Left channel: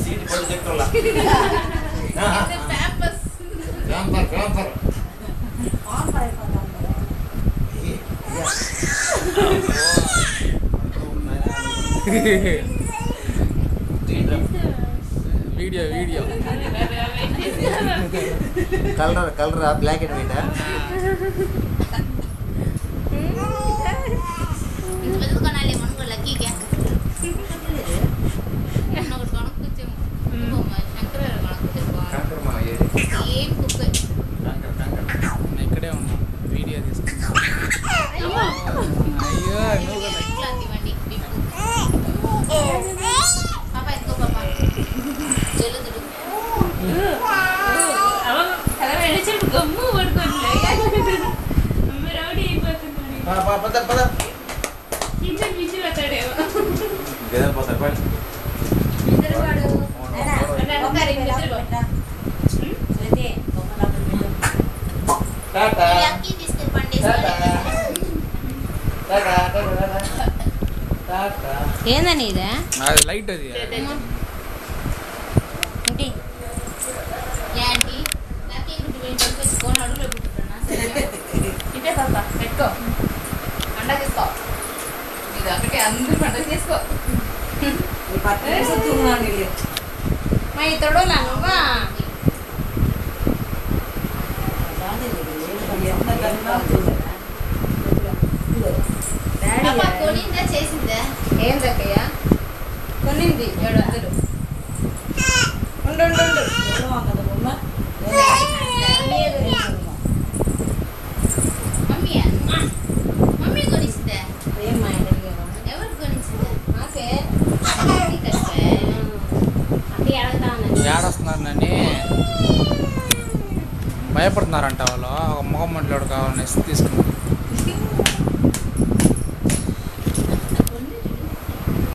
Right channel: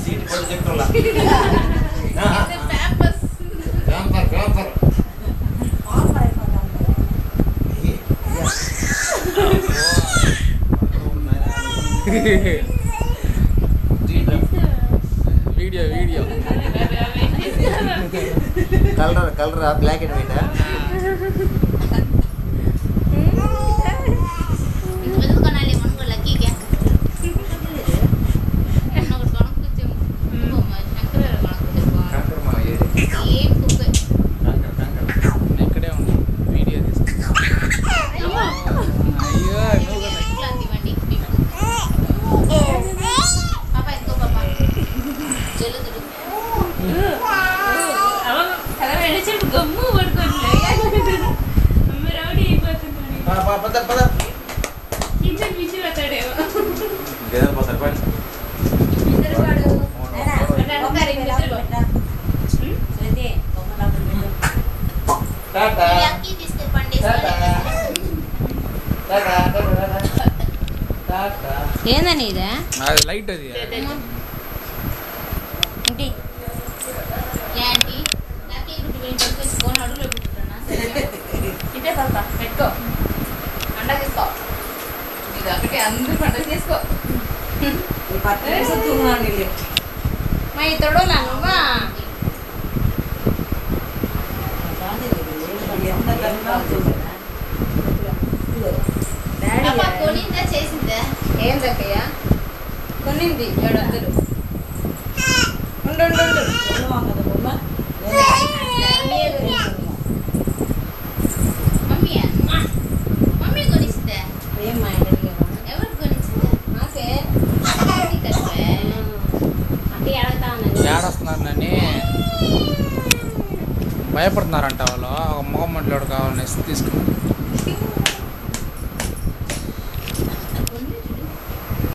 seat పడి చెప్తున్నా video video కలరా బ్లాక్ అండ్ వైట్ ఇక్కడే ఉన్నాం వీడియో తీసుకుంటాం అయ్యో గమ్ము పడుకోండి రౌడీ అయిపోతున్నాడు కిచెన్ మిషన్ పెట్టాడేమో ఏందని ఇదే అది లైట్ అది ఇదే పాప పెట్టుకో పండగ తీసుకో ఇది ఒకటి అందరూ పండగ తీసుకో మా ఇతడు నువ్వా కొనిందా చేసిందా ఏం దక్కయ్యా కొనింది 700 ఉండు మమ్మీ మమ్మీ కొనిస్తుందా ఎవరు కొనిస్తుందా నాకే అంటే ఏడొస్తున్నారు నన్ను భయపడుతున్నారంట వాళ్ళు ఒక మొగం మంటలోడు కావాలని తీసుకున్నాను